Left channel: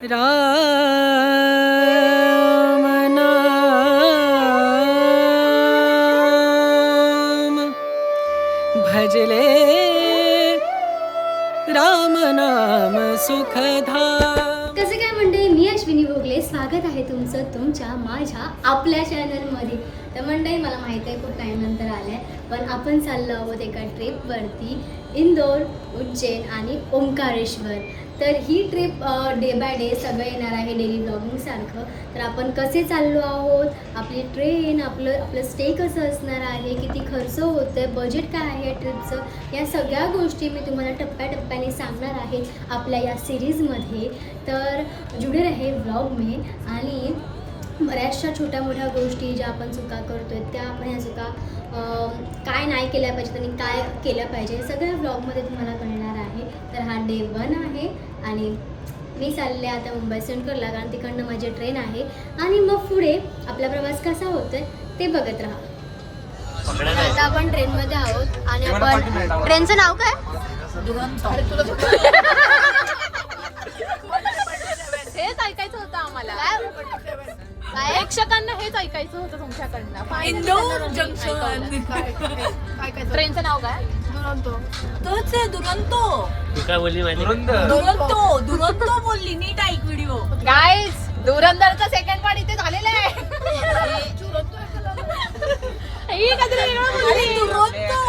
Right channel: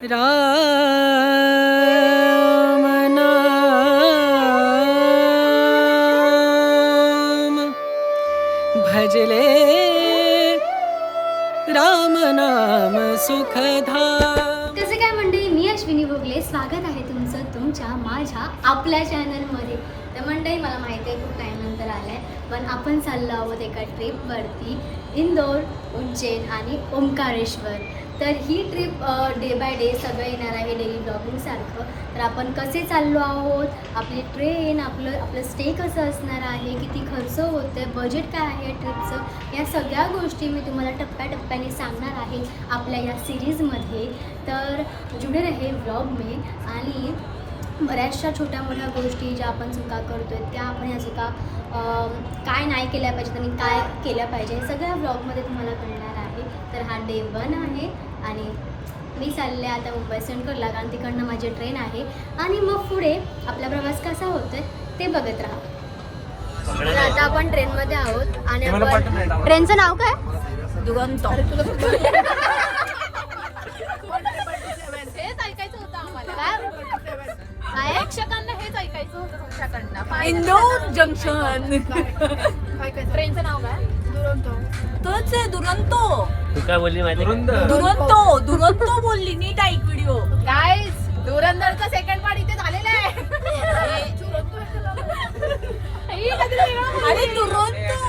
राम नाम भजले राम नाम सुखधाम। कसं काय मंडळी, मी अश्विनी भोगले, स्वागत आहे तुमचं तुमच्या माझ्या आपल्या चॅनलमध्ये. तर मंडळी, मला माहिती आहे खूप टाईमनंतर आलं आहे, पण आपण चाललो आहोत एका ट्रिपवरती, इंदोर, उज्जैन आणि ओंकारेश्वर. तर ही ट्रिप डे बाय डे सगळं येणार आहे, डेली ब्लॉगिंगसारखं. तर आपण कसे चाललो आहोत, आपली ट्रेन, आपलं स्टे कसं असणार आहे, किती खर्च होतं आहे, बजेट काय आहे ट्रिपचं, या सगळ्या गोष्टी मी तुम्हाला टप्प्याटप्प्याने सांगणार आहे आपल्या या सिरीजमध्ये. तर जुडे रहे व्लॉग में. आणि बऱ्याचशा छोट्या मोठ्या गोष्टी ज्या आपण चुका करतो आहे, त्या आपण ह्या चुका काय नाही केल्या पाहिजेत आणि काय केल्या पाहिजे, हे सगळ्या व्लॉगमध्ये तुम्हाला कळणार आहे. तर हा डे 1 आहे आणि मी चालले आता मुंबई सेंट्रलला, कारण तिकडनं माझी ट्रेन आहे. आणि मग पुढे आपला प्रवास कसा होतोय ते बघत राहा. तर आता आपण ट्रेनमध्ये आहोत आणि आपण ट्रेनचं नाव काय? दुरंतो. हेच ऐकायचं होतं आम्हाला. काय प्रेक्षकांना हेच ऐकायचं होतं तुमच्याकडनं. इंदोर जंक्शन. ट्रेनचं नाव काय? दुरंतो. तोच आहे दुरंतो. दुरंतो दुरंतो बोलली. नीट ऐक व्हिडिओ. गाईस, धुरंधरचं सेकंड पार्ट इथे झालेलं आहे. अरे दुरंतो.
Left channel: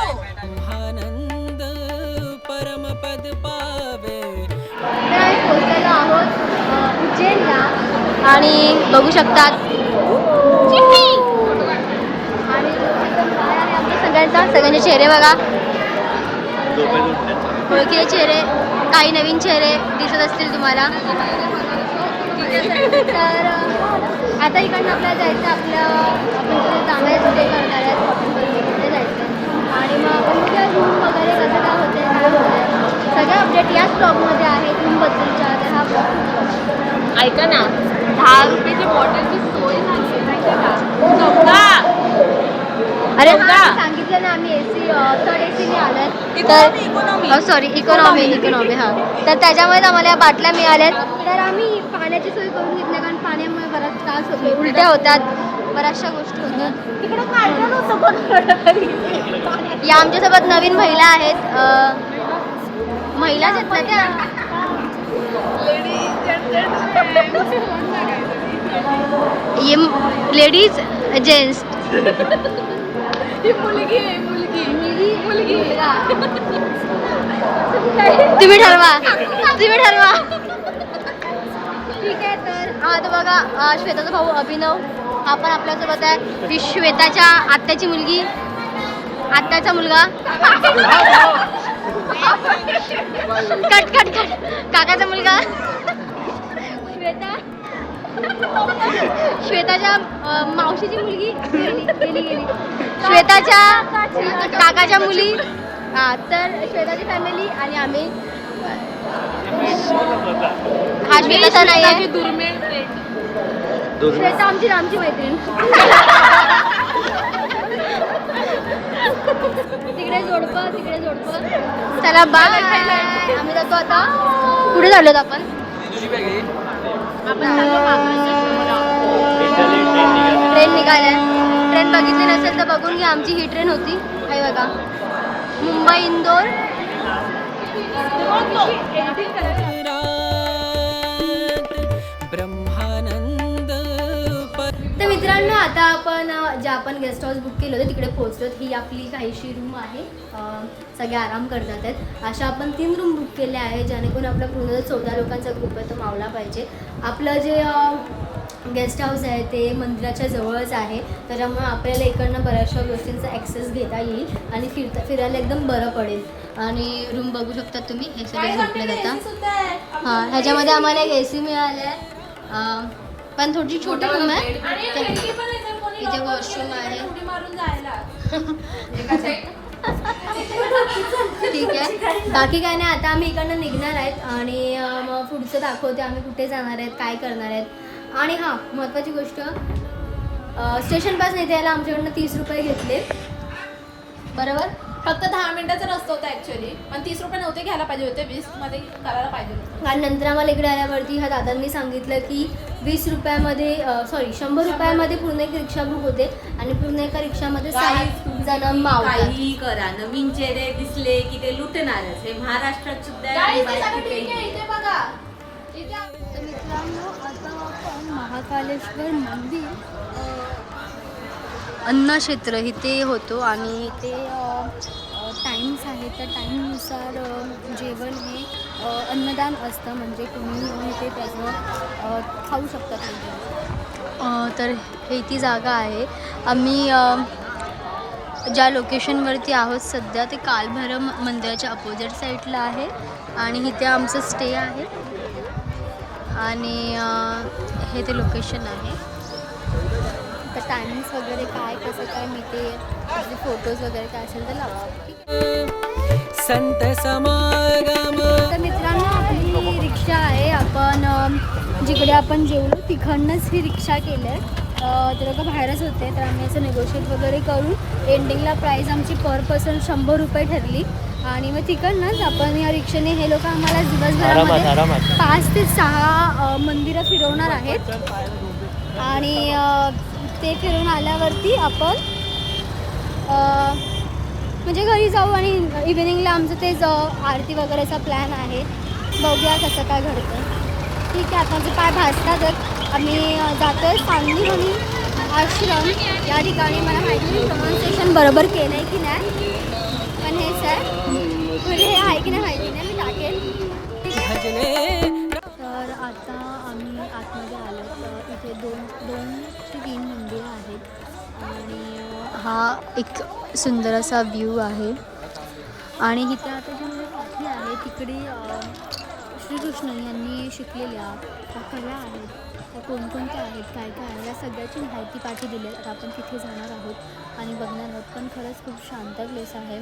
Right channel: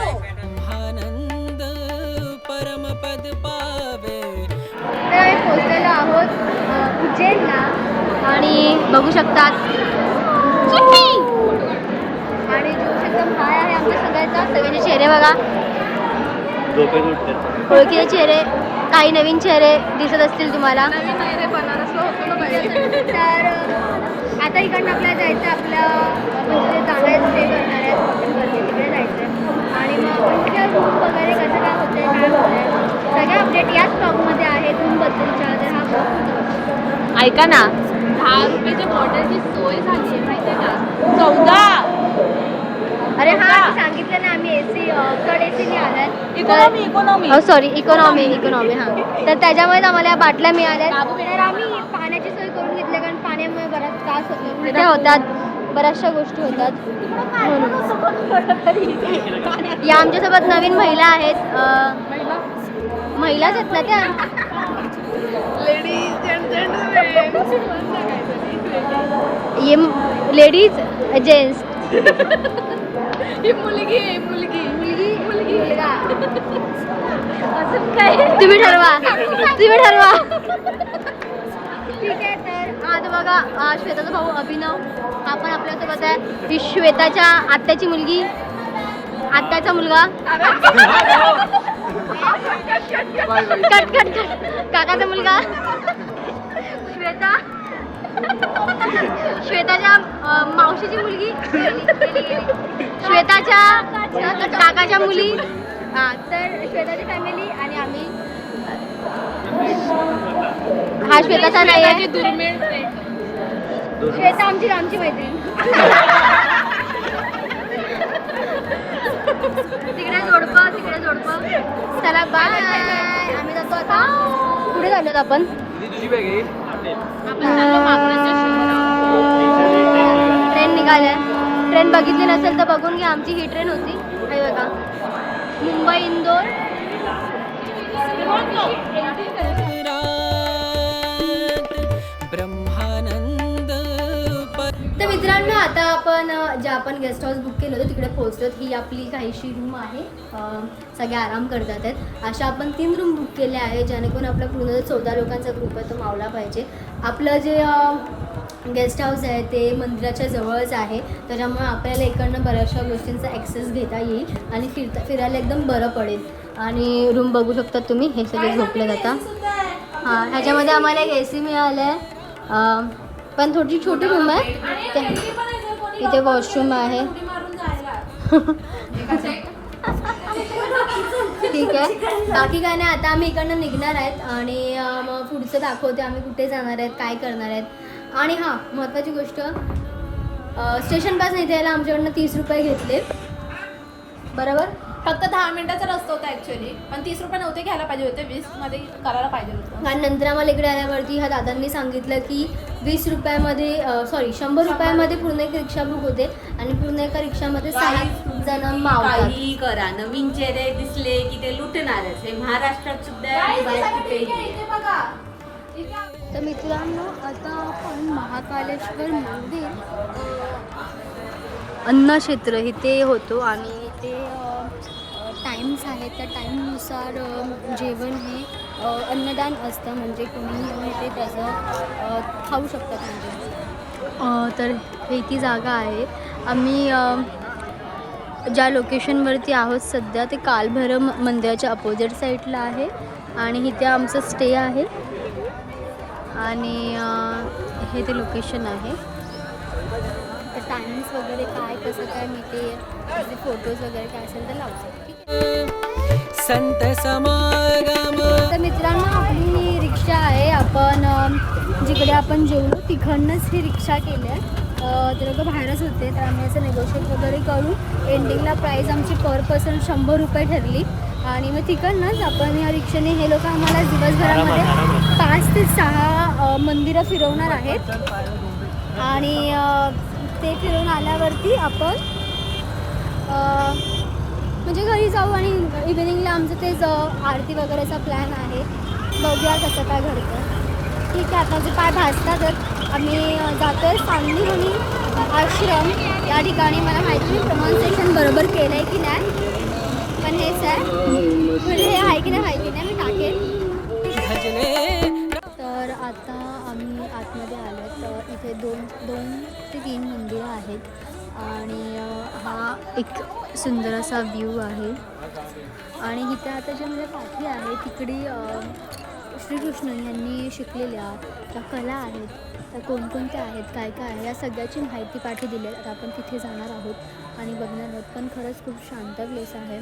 आनंद परमपद पावे। तर आम्ही पोहोचलेलो आहोत उज्जैनला आणि बघू शकतात आणि एकदम काय आहे आमच्या सगळ्यांचे चेहरे बघा, ओळखीचे चेहरे, काही नवीन चेहरे दिसत असतील तुम्हाला. तर आता इकडनं आपल्याला जायचं, आपण जिथे जाणार स्टे करणार आहेत, शॉपिंग करते तिथे जायचं आणि मग आपण उद्या रूम वगैरे कसं काय होतं, काय होतं आहे, सगळ्या अपडेट याच ब्लॉगमध्ये आहे. रूमबद्दलच्या तर हा ब्लॉग ऐका ना, 10 रुपयाच्या बॉटलची सोय झाली आहे माहिती आहे का? 14. अरे हां, सांगितलं ना आम्ही AC थर्ड ACने आल्यात. इकॉनॉमी. सॉरी, इकॉनॉमी हां. तर त्याच्यामुळे आम्हाला या बाटल्या मिळाल्या. तर आम्ही पाण्याची सोय करून घेतली, कारण पाण्यामुळे बराच त्रास होतो, उलट्या होतात, बऱ्याचशा गोष्टी होतात. म्हणून या आमच्यासोबत नवीन महिला आहेत, महिलाच आहेत ना त्या. ये लेडीज जेंट्स. मुलगा. तुम्ही ठरवा. ठीक आहे. तर आता बघा, श्वेताचा भाऊ अभिनव हा पण आपल्यासोबत आहे. ही श्वेताच्या आत्याची मुलगी, आत्याचा मुलगा. कट काकाचा मुलगा. श्वेताच्या मावशीची मुलगी, श्वेताच्या काकाच्या मुली. हां, तर श्वेताची फॅमिली आणि आम्ही. हा श्वेताचा नाही आहे, श्वेता आमची मैत्रीण. तिकडे जोडपं. चला बाय. आम्ही जातो आता. पुढे चाललो आपण. ट्रेन निघाल्या. ट्रेन बघितली नसेल तर बघून घ्या, आमची ही ट्रेन होती. आहे बघा, मुंबई इंदोर. ब्रह्मानंद तर मित्रांनो, आता आपण गेस्ट हाऊस बुक केलं होतं तिकडे पोहोचलो. ही आपली काहीशी रूम आहे, सगळे आराम करतात आहेत. अशा आपण 3 रूम बुक केल्या आहे, जेणेकरून आपला पूर्ण 14 लोकांचा ग्रुप आहे तो मावला पाहिजे. आपलं जे गेस्ट हाऊस आहे ते मंदिराच्या जवळच आहे, त्याच्यामुळे आपल्याला इकडनं बऱ्याचशा गोष्टींचा ॲक्सेस घेता येईल आणि फिरायला एकदम बरं पडेल. आणि रूम बघू शकता तुम्ही, हे सगळे झोपले जातात. हां, ह्याच्यामध्ये आम्हाला एक AC मिळालं आहे, पण थोडी छोटी रूम आहे. इथे वॉशरूम आहे. ठीक आहे, बाकी काय नाही. आता आम्ही इकडनं निघणार आहेत आणि मग पुढचं दाखवते आम्ही कुठे जाणार आहेत, काय करणार आहेत. आणि हां, महत्त्वाची गोष्ट, स्टेशन पास नाही द्यायला आमच्याकडनं 30 रुपये घेतले, बरोबर? फक्त 10 मिनिटाचा रस्ता होता ऍक्च्युली, पण 30 रुपये नव्हते घ्यायला पाहिजे होते, 20 मध्ये करायला पाहिजे होते. आणि नंतर आम्हाला इकडे आल्यावरती ह्या दादांनी सांगितलं की 20 रुपयामध्ये 100 रुपयामध्ये पूर्ण एक रिक्षा बुक होते आणि पूर्ण एका रिक्षामध्ये 6 जण मावतात. काही करा, नवीन चेहरे दिसले की ते लुटणारच. हे महाराष्ट्रात सुद्धा आणि बाहेर कुठेही. इथे बघा. तर मित्रांनो, आता आपण महाकालेश्वर मंदिर अन्नक्षेत्र इथे होतो आणि इथे टाईम्स आहेत. त्या टाईमनुसार जेवण हे अन्नदान असतं, म्हणजे कोणी येऊन ते त्याचं खाऊ शकतात. म्हणजे तर हे ती जागा आहे. आम्ही ज्या लोकेशनवरती आहोत सध्या ते कालभैरव मंदिराच्या अपोजिट साईडला आहे आणि इथे आमचं स्टे आहे आणि हे ते लोकेशन आहे. तर टायमिंग्स वगैरे काय कसं काय मी ते फोटोज वगैरे काय असेल तर लावा. संत समागम. तर मित्रांनो, आपली ही रिक्षा आहे. आपण जिकडे आपण जेवलो तिकडनंच ही रिक्षा केली आहे. ते लोक बाहेरच होते, तर आम्ही असं नेगोशिएट वगैरे करून एंडिंगला प्राईस आमची पर पर्सन 100 रुपये ठरली आणि मग तिकडनंच आपण या रिक्षेने हे लोक आम्हाला दिवसभरामध्ये 5 ते 6 मंदिरं फिरवणार आहेत आणि ते फिरून आल्यावरती आपण म्हणजे घरी जाऊ आणि इव्हिनिंगला आमचं तेच आरती वगैरेचा प्लॅन आहे. बघूया कसं काय घडतं. ठीक आहे, आता माझे पाय भाजतातच. आम्ही जातो आहे सांगली म्हणून आश्रम या ठिकाणी. मला माहिती नाही प्रोनाऊन्सिएशन बरोबर केलं आहे की नाही, पण हेच आहे. म्हणजे हे आहे की नाही माहिती नाही, मी टाकेल. भजले. तर आता आम्ही आतमध्ये आलो. तर इथे दोन ते 3 मंदिरं आहेत आणि हा एक सुंदर असा व्ह्यू आहे. आणि इथे आता जे म्हणजे पाठी आहे तिकडे श्रीकृष्ण यांनी शिकलेल्या त्या कला आहेत, त्या कोणकोणत्या आहेत, काय काय आहे, या सगळ्याची माहिती पाठी दिली आहे. आता आपण तिथे जाणार आहोत आणि बघणार आहोत. पण खरंच खूप शांत प्लेस आहे,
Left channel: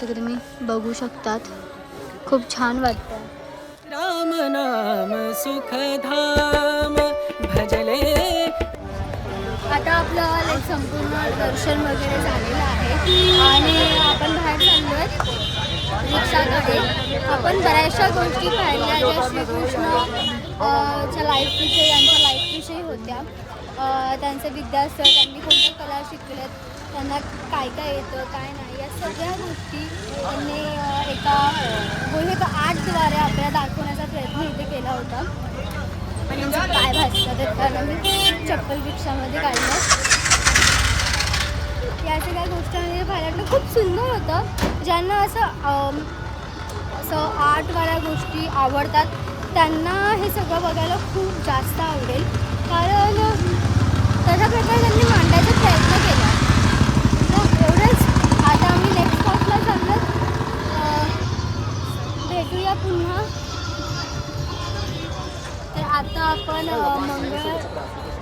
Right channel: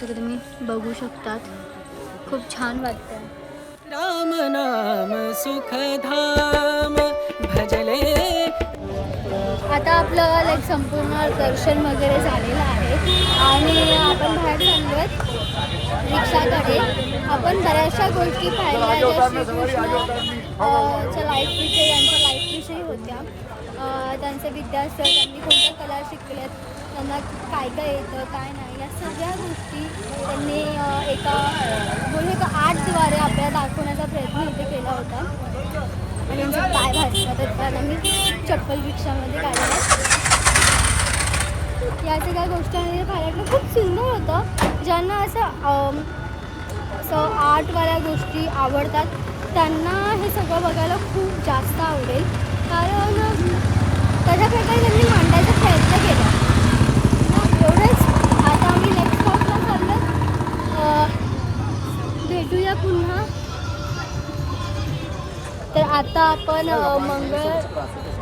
सगळं तुम्ही बघू शकतात. खूप छान वाटतं. राम नाम सुखधाम भजले. आता आपलं लाईक संपूर्ण दर्शन वगैरे झालेलं आहे आणि आपण बाहेर चाललो आहेत रिक्षाकडे. आपण बऱ्याचशा गोष्टी पाहिल्या ज्या श्रीकृष्ण च्या लाईफविषयी, यांच्या लाईफविषयी होत्या. त्यांचं विद्यास्थळ, त्यांनी कोणत्या कला शिकल्यात, त्यांना काय काय येतं काय नाही, या सगळ्या गोष्टी त्यांनी एका आर्टद्वारे आपल्याला दाखवण्याचा प्रयत्न इथे केला होता. आणि यांचे पाय भाजतात कारण आम्ही चप्पल रिक्षामध्ये काढल्या. या सगळ्या गोष्टी पाहिलं खूप सुंदर होतं. ज्यांना असं आर्टवाल्या गोष्टी आवडतात त्यांना हे सगळं बघायला खूप जास्त आवडेल, कारण तशा प्रकारे त्यांनी मांडायचा प्रयत्न केला. मग एवढंच. आता आम्ही नेक्स्ट स्पॉटला चाललो. भेटूया पुन्हा. तर आता आपण मंगळ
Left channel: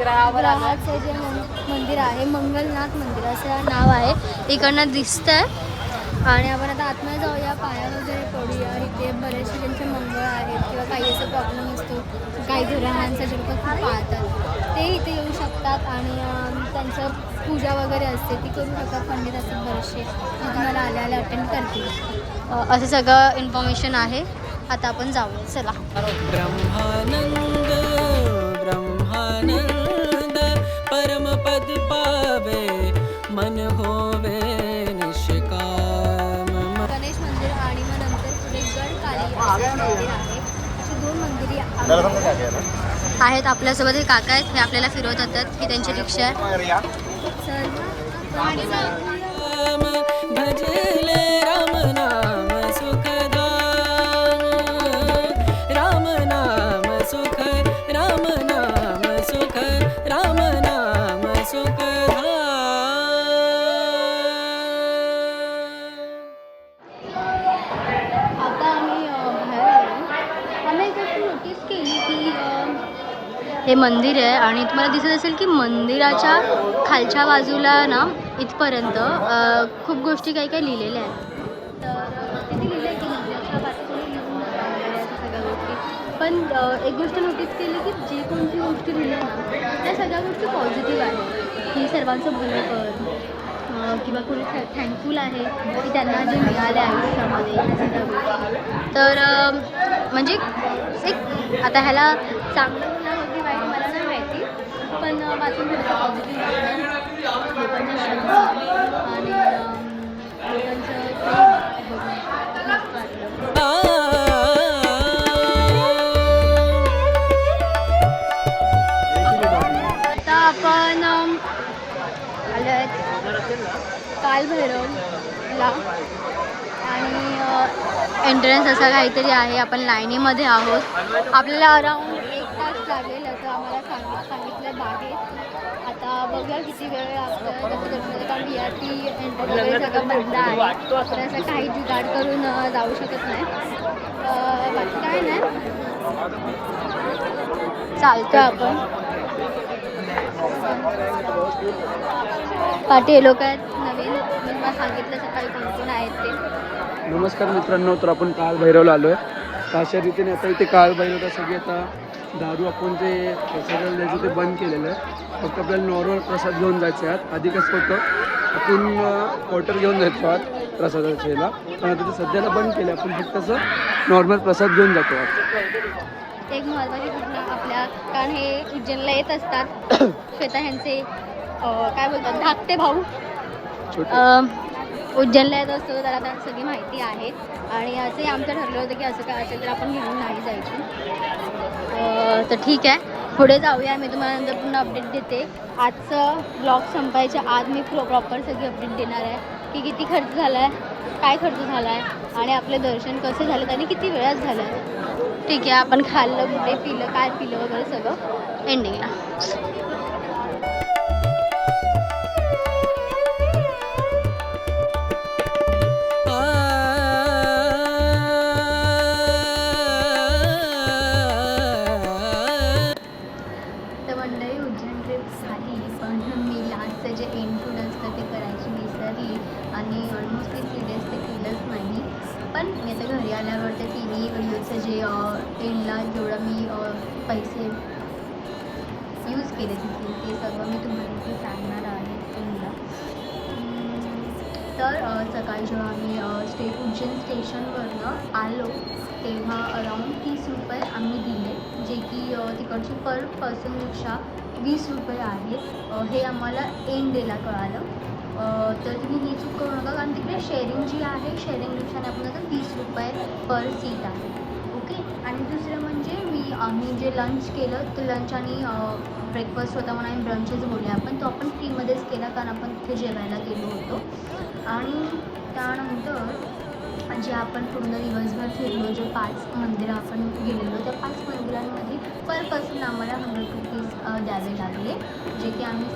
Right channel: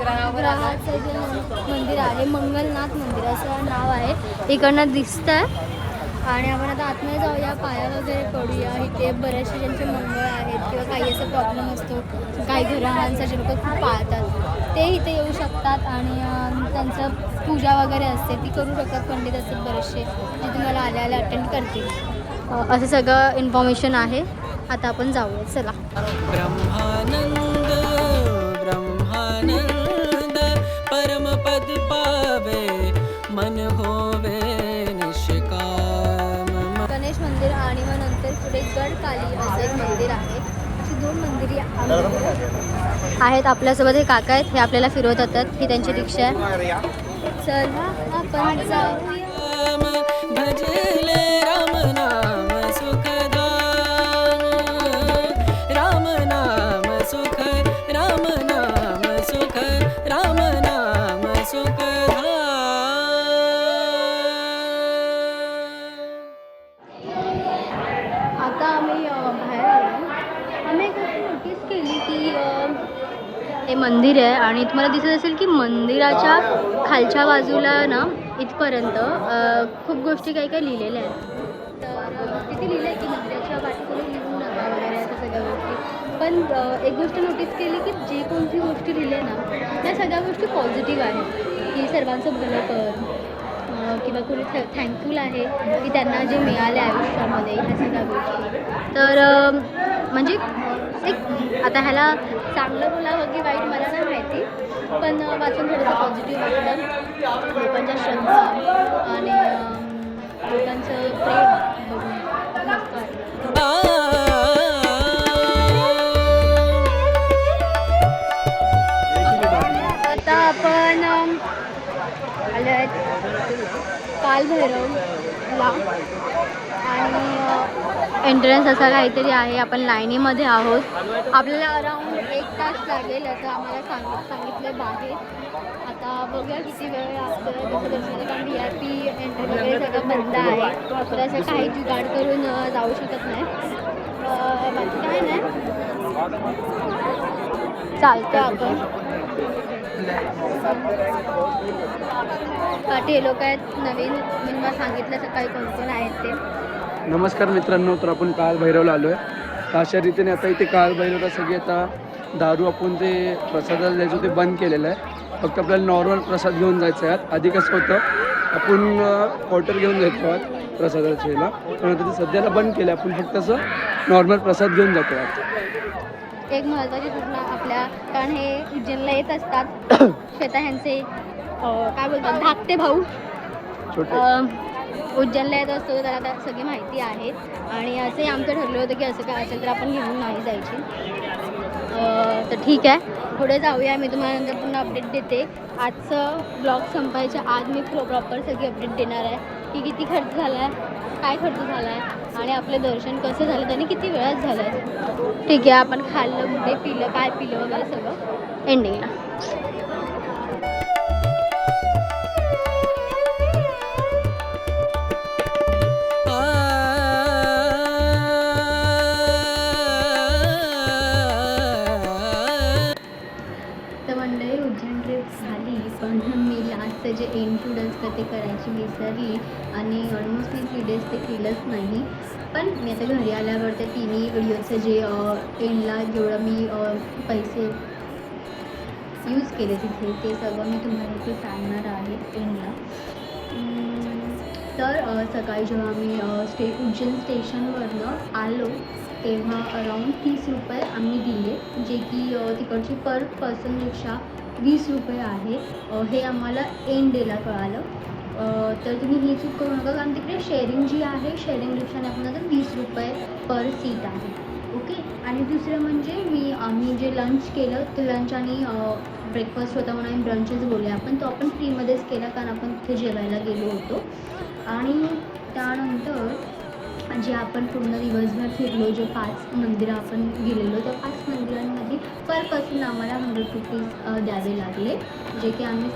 ग्रहाचं जे मंदिर आहे, मंगलनाथ मंदिर असं नाव आहे, इकडनं दिसतं आहे. आणि आपण आता आतमध्ये जाऊया, पाया वगैरे पडूया. इथे बरेचसे ज्यांचे मंगळ आहेत किंवा काही असं प्रॉब्लेम असतो, काही ग्रहांचा जे लोक खूप पाळतात ते इथे येऊ शकतात आणि त्यांचं पूजा वगैरे असते ती करू शकतात. पंडित असतात बरेचसे जे तुम्हाला आल्या अटेंड करतील. असं सगळं इन्फॉर्मेशन आहे. आता आपण जाऊया, चला. ब्रह्मानंद ब्रह्मानंद परमपद पावे मन होवे निष्काम. गणेश मंदिर आणि मग नंतर पुढे गडकाली असं एक मंदिर आहे. अशी 2 मंदिरे आहेत. आपल्यासोबत हे काका आहेत, हे आपल्याला फिरवत येतात. ही त्यांची रिक्षा आहे. चला आपण जाऊया. भजले राम नाम सुखधाम. राम नाम सुख, राम नाम सुख, राम नाम सुखधाम. आता आम्ही बाहेर आलो. आम्ही एक गोष्ट नोटीस केली की हे मंदिर आहे आणि तुम्हाला दिसत असेल की मंदिराच्या खालच्या बाजूला ना इथपर्यंत खूप गोष्टी काही काही लिहिलेल्या आहेत. तर तिथे लिहिलं आहे की मंदिराच्या पाठीपुढे लिहू नका वगैरे अशा सगळ्या गोष्टी. पण एक गोष्ट नोटीस केली की जी कोणती गोष्टी लिहिल्या ना त्या सगळ्या गोष्टी पॉझिटिव्ह आहेत, की सर्वांचं भलं कर किंवा कोणी थँकफुल आहे की त्यांना जे मिळाले आयुष्यामध्ये ह्या सगळ्या गोष्टी. तर म्हणजे एक आता ह्याला चांगलं बोलावं की वाईट मला नाही माहिती, पण वाचून थोडंसं पॉझिटिव्ह वाटलं. लोकांच्या श्रद्धा आणि लोकांचं प्रेम बघून खूप मस्त वाटलं. आता आपण आलो आहेत कालभैरवला आणि एंट्रन्स असा काहीतरी आहे. आपण लाईनीमध्ये आहोत. आपल्याला अराऊंड 1 तास लागेल असं आम्हाला सांगितलं बाहेर. आता बघूया किती वेळ लागतं कसं दर्शनाला, कारण VIP एंट्री वगैरे सगळं बंद आहे, तर असं काही जुगाड करून जाऊ शकत नाही. बाकी काय नाही, चालतं आपण. पाठी हे लोक आहेत नवीन, मी मला सांगितलं सकाळी कोण कोण आहेत ते. नमस्कार मित्रांनो, तर आपण कालभैरवला आलो आहे. तर अशा रीतीने आता इथे कालभैरवला सगळी आता दारू आपण जे प्रसादाला द्यायचं ते बंद केलेलं आहे. फक्त आपल्याला नॉर्मल प्रसाद घेऊन जायचं आहे. आधी कसं होतं आपण क्वार्टर घेऊन जायचो आहात प्रसादाच्या याला, पण आता ते सध्याला बंद केलं. आपण फक्त असं नॉर्मल प्रसाद घेऊन जातो आहात. एक महत्त्वाची घटना आपल्या, कारण हे उज्जैनला येत असतात श्वेता ह्यांचे काय बोलतात धाकटे भाऊ उज्जैनला येत असतो, तर आता सगळी माहिती आहे. आणि असंही आमचं ठरलं होतं की असं काय असेल तर आपण घेऊन नाही जायची. तर ठीक आहे, पुढे जाऊया. मी तुम्हाला नंतर पुन्हा अपडेट देते. आजचं ब्लॉग संपायच्या आज मी प्रॉपर सगळी अपडेट देणार आहे की किती खर्च झाला आहे, काय खर्च झाला आहे आणि आपलं दर्शन कसं झालं आणि किती वेळात झालं आहे. ठीक आहे, आपण खाल्लं कुठे पिलं काय पिलं वगैरे सगळं एंडिंगला. जे एंड असतं ते करायची विसरली आणि ऑलमोस्ट 3 डेज ते केलंच नाही. पण मी आता घरी आल्यावर त्या तिन्ही व्हिडिओचं जे एंडला जेवढं मी पैसे यूज केले तिथे ते सगळं मी तुम्हाला इथे सांगणार आहे एंडला. तर सकाळी जेव्हा मी उज्जैन स्टेशनवरनं आलो तेव्हा अराऊंड 30 रुपये आम्ही दिले, जे की तिकडची पर पर्सनपेक्षा 20 रुपये आहे. हे आम्हाला एंड डेला कळालं. तर तुम्ही ही चूक करू नका, कारण तिकडे शेअरिंग जी आहे शेअरिंग रिक्षाने आपण आता 20 रुपये पर सीट आहे. ओके. आणि दुसरं म्हणजे आम्ही जे लंच केलं ते लंच आणि ब्रेकफास्ट होता म्हणून आम्ही ब्रंचच बोलले आपण, तो आपण फ्रीमध्येच केला कारण आपण तिथे जेवायला गेलो होतो. आणि त्यानंतर जे आपण पूर्ण दिवसभर फिरलो, जे 5 मंदिरं आपण गेलेलो त्या 5 मंदिरांमध्ये पर पर्सन आम्हाला 100 रुपीज द्यावे लागले, जे की आम्ही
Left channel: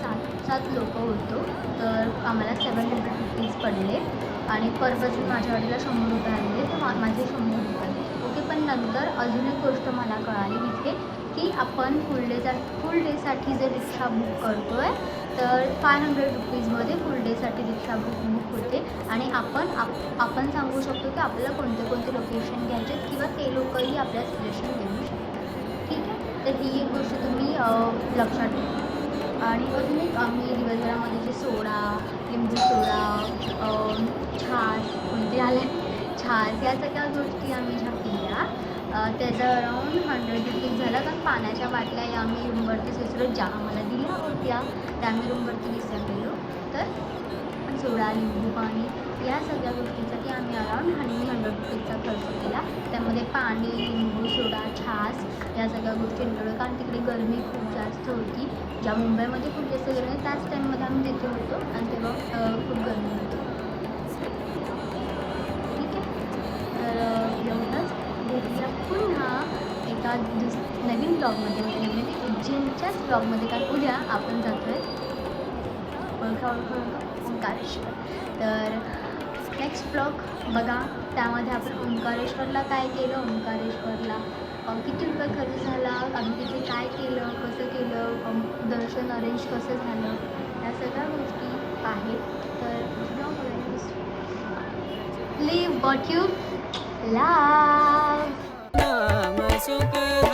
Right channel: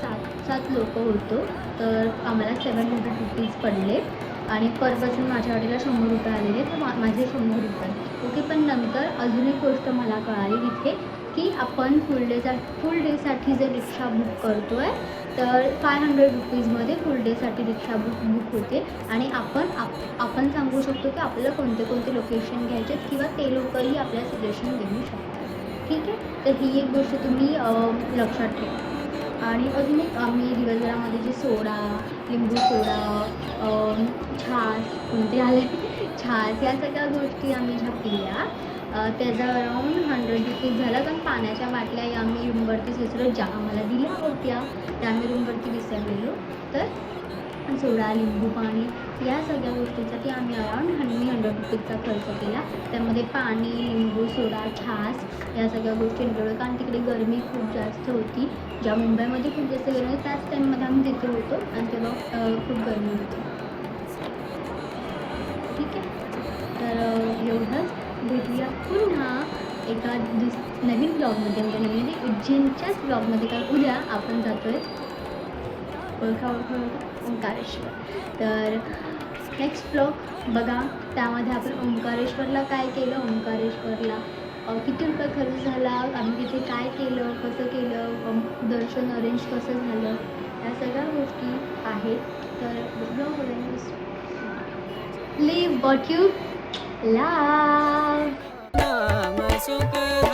7 लोक होतो, तर आम्हाला 700 रुपीज पडले. आणि पर पर्सन माझ्या गाडीला 100 रुपये आलेले, तर माझे 100 रुपये. ओके. पण नंतर अजून एक गोष्ट मला कळाली तिथे की आपण फुल डेसाठी जर रिक्षा बुक करतो आहे तर 500 रुपीजमध्ये फुल डेसाठी रिक्षा बुक होते. आणि आपण सांगू शकतो की आपल्याला कोणते लोकेशन घ्यायचे किंवा ते लोकही आपल्याला सजेशन देऊ शकतात. ठीक आहे. तर ही एक गोष्ट तुम्ही लक्षात ठेवा. आणि अजून एक आम्ही दिवसभरामध्ये जे सोडा, लिंबू सोडा, छास कोणते आले छास, या सगळ्या गोष्टी आम्ही घातल्या. त्याचा अराऊंड 100 रुपीज झाला, कारण पाण्याच्या बाटल्या या आम्ही रूमवरतीच विसरलो, ज्या आम्हाला दिल्या होत्या त्या आम्ही रूमवरती विसरलेलो. तर सोडा, लिंबू पाणी या सगळ्या गोष्टींसाठी आम्ही अराऊंड 100 रुपीजचा खर्च केला. त्यामध्ये पाणी, लिंबू, सोडा, छास या सगळ्या गोष्टी इंक्लूड, कारण तिकडे गरमी खूप जास्त होती. ज्या मुंबईमध्ये खूप जास्त गरमी, त्याच टाईममध्ये आम्ही तिथे होतो आणि तेव्हा खूप गरमी होती. ठीक आहे. तर एवढं भेटूया पुन्हा एका नवीन ब्लॉगमध्ये, म्हणजे उज्जैनच्याच ब्लॉगमध्ये. कारण उद्या आपण जातो आहे ओंकारेश्वर. तर नेक्स्ट ब्लॉग बघा, त्यामध्ये आपण ओंकारेश्वरला काय केलं, ओंकारेश्वरला किती रुपये खर्च झाला, आम्ही तिथे काय केलं, कसं केलं, दर्शन अरेंज कसं झालं, या सगळ्या गोष्टी आहेत. तर blog live what you love. नाम सुखदायक